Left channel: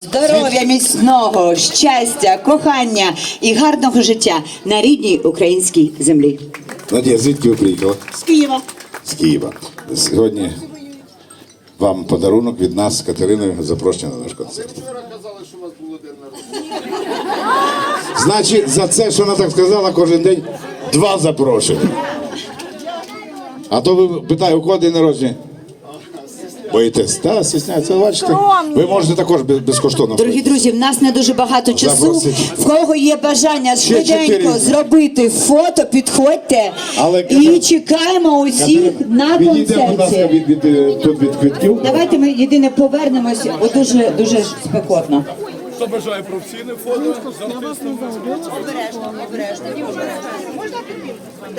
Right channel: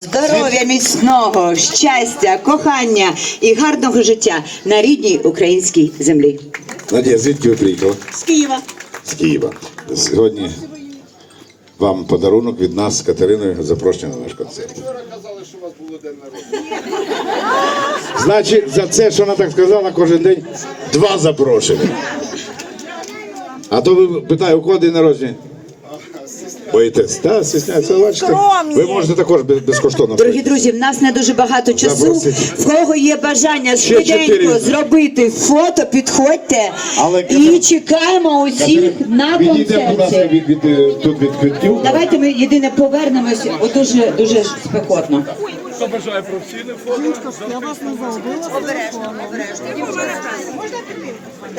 Здоров'я міцного, щастя, кохання і гарного життя на рідній українській землі. Надія, звідки ви приїхали? З Києва. З Києва. Сьогодні вам подарунок від нас з Катериною запрошення на наш концерт. Значить, за це, що вона так сказала, кожен день два запрошення. А то ви питаю, у кого день народження? Боїтесь? Та, стісняється, бачите? Ви можете також без- безкоштовно. Дорогі друзі, в нас не дуже багато часу. В кого є бажання швиденько зробити фото, підходьте Але, і чекаємо усіх на концерті. від, від, від, тут від квитків. Давайте ми єдине повернемось, бо дуже дуже спекотно. Хто бажає професійне фото?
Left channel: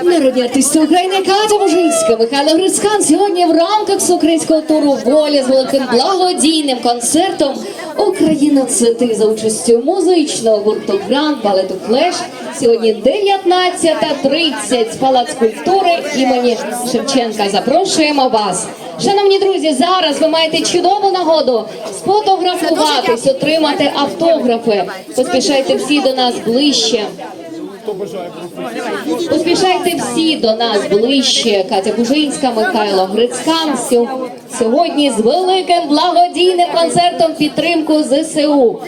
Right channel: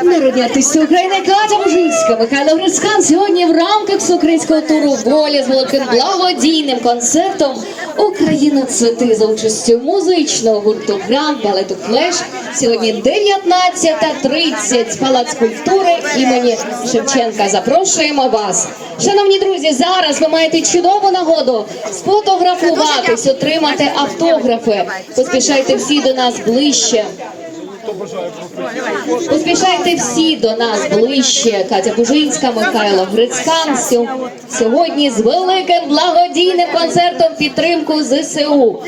Народні артисти України Катя Мужинська, Михайло Грицькан сьогодні в рамках всеукраїнського туру волі з великим благодійним концертом Україна цвіти за участю музичного гурту Гранд балету Флеш. Сьогодні 19.30 Палац культури імені Шевченка. Запрошуємо вас. Шановні друзі, зараз ви маєте чудову нагоду сфотографуватись, отримати автографи. Поспішайте всі до нас ближче. Поспішайте всі до нас ближче. Катя Бужинська, Михайло Грицькан. Сьогодні з великим благодійним концертом підтримку ЗСУ.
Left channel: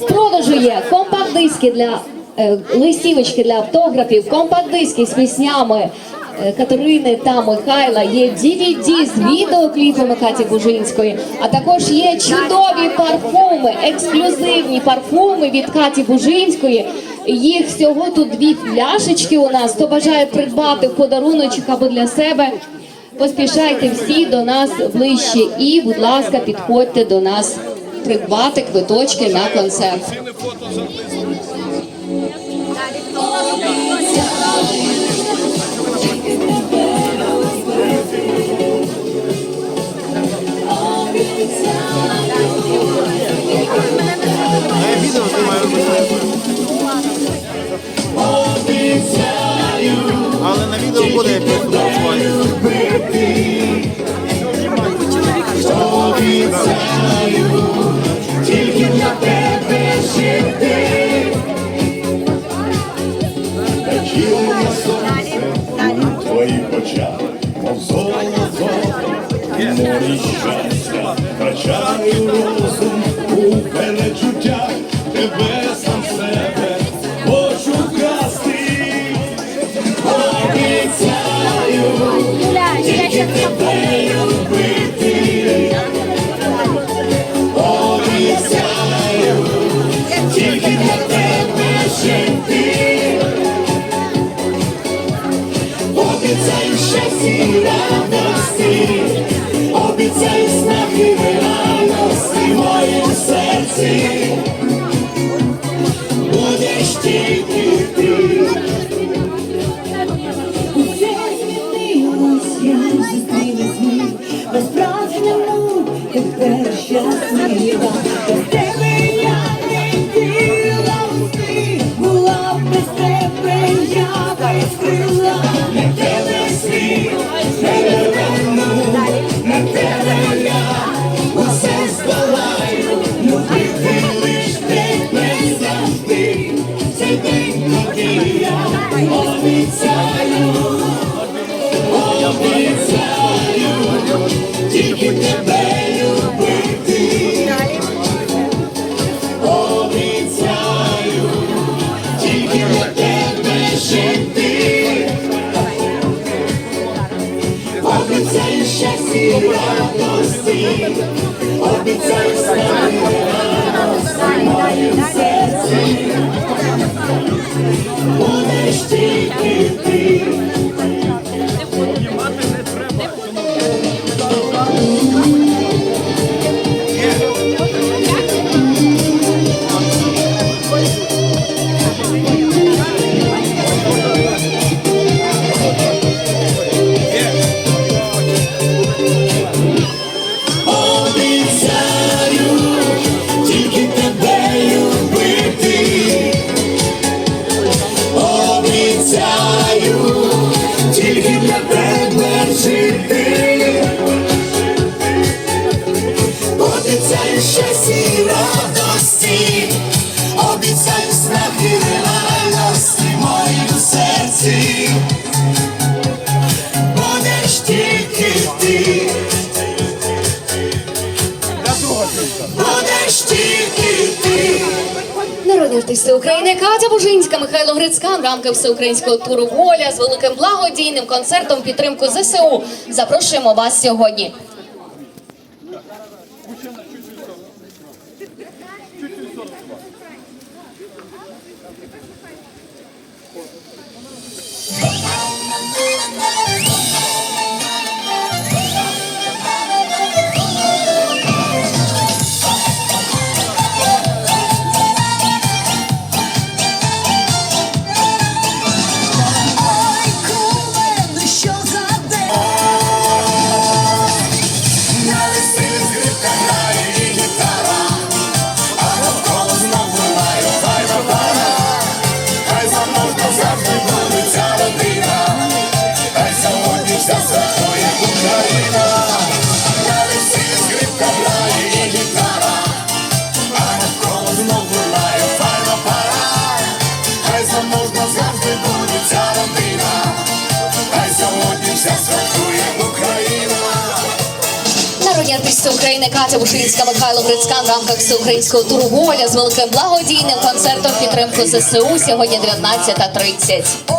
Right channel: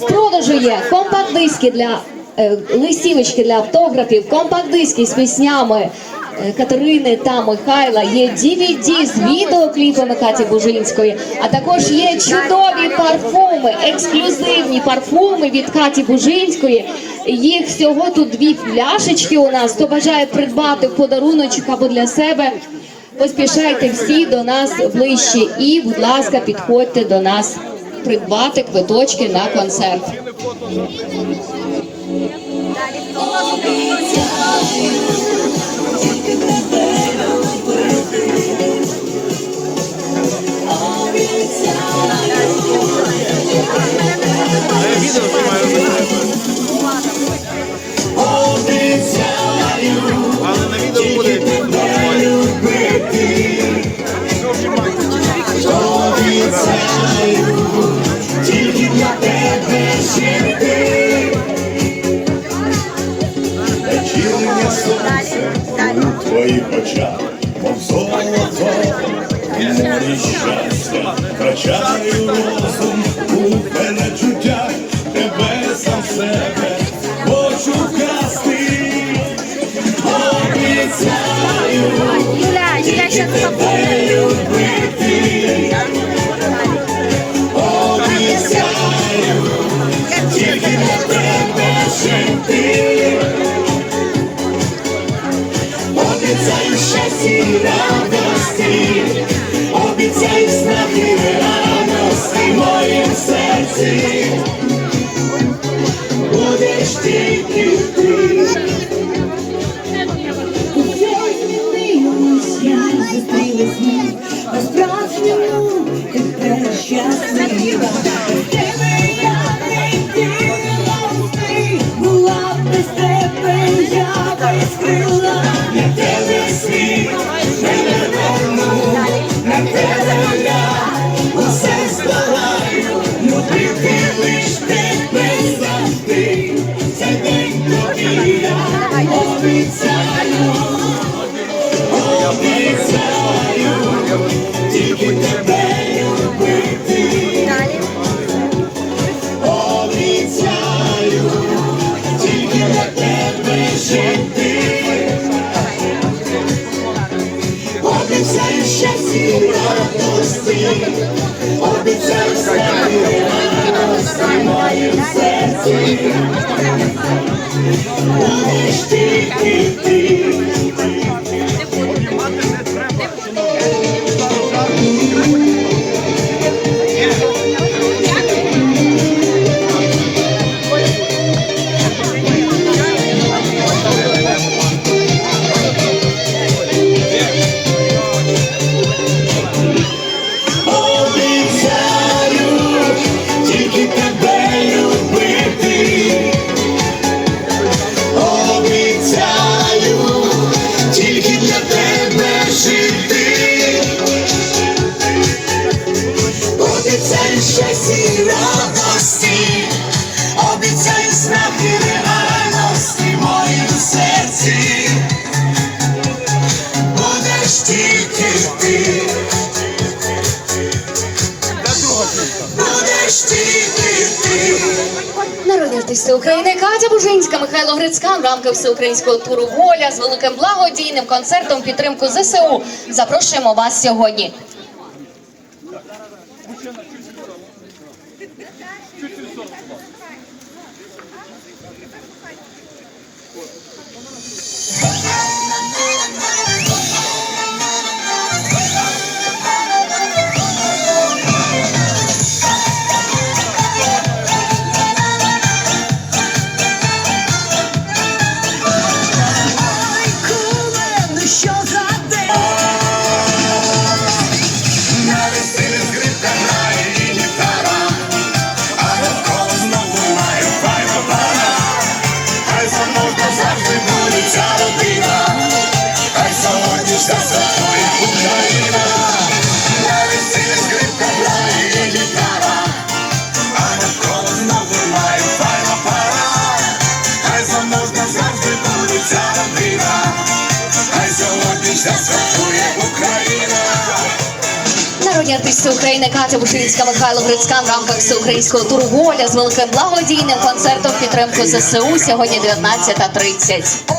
В продажу є компакт-диски для е, листівочки для автографів, компакт-диски з піснями. Катерини та Михайла є DVD з відеокліпами Каті Бужинської, а також є чудові парфуми, ексклюзивні парфуми від Каті Бужинської. Їх всього тут дві пляшечки у нас. Хто бажає придбати в подаруночок або для себе, поспішайте всі до нас ближче і, будь ласка, підходьте до нас придбати квиточки на концерт. Відео буде як ви фотографувати. в твоїх очах, мов золото, море щастя, Обіцяю обіцяю страх і в серці. Будеш тільки ти. sim. Артисти України Катя Бужинська, Михайло Грицька в рамках всеукраїнського туру Воля з великим благодійним концертом підтримку ЗСУ. Запрошуємо вас сьогодні. Що артисти України Катя Бушинська, Михайло Грицькан в рамках всеукраїнського туру Воля з великим благодійним концертом підтримку ЗСУ сьогодні 19.30.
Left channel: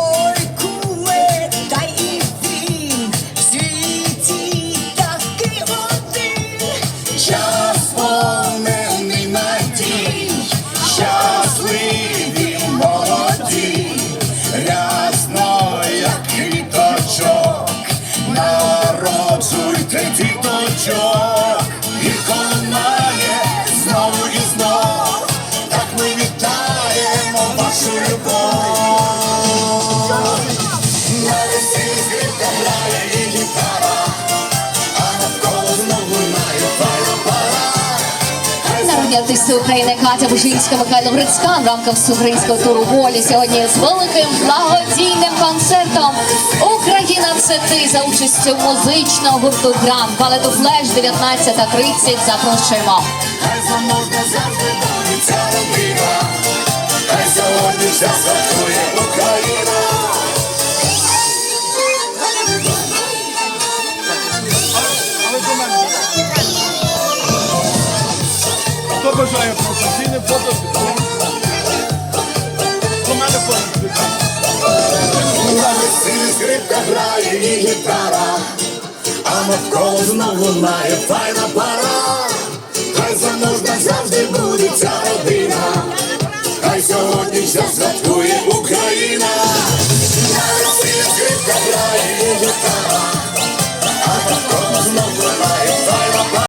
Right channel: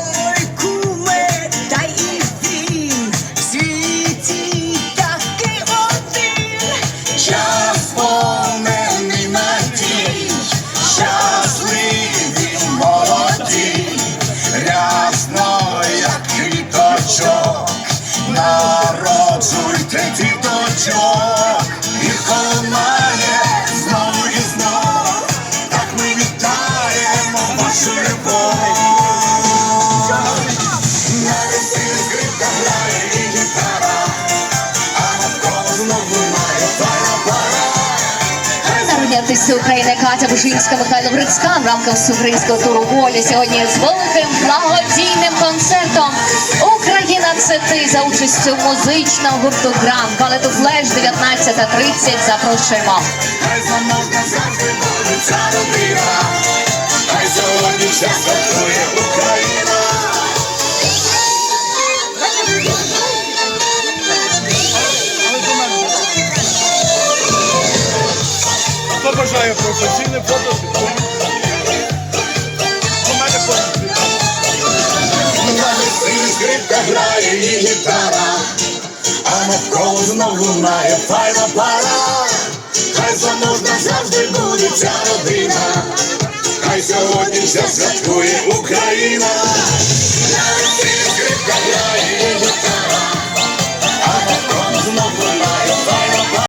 артисти України Катя Бужинська, Михайло Грицькан в рамках всеукраїнського туру Воля сьогодні з великим благодійним концертом Україна це ти за участю музичного гурту Грам балету Флеш 19.30 запрошуємо. Хай сьогодні святкує Україна. Хто бажає професійне фото? До мене весіллі скрипка грає і гітара, а навколо знову лунає файна пара. Хай заможна завжди буде ця родина, хай сьогодні вся святкує Україна.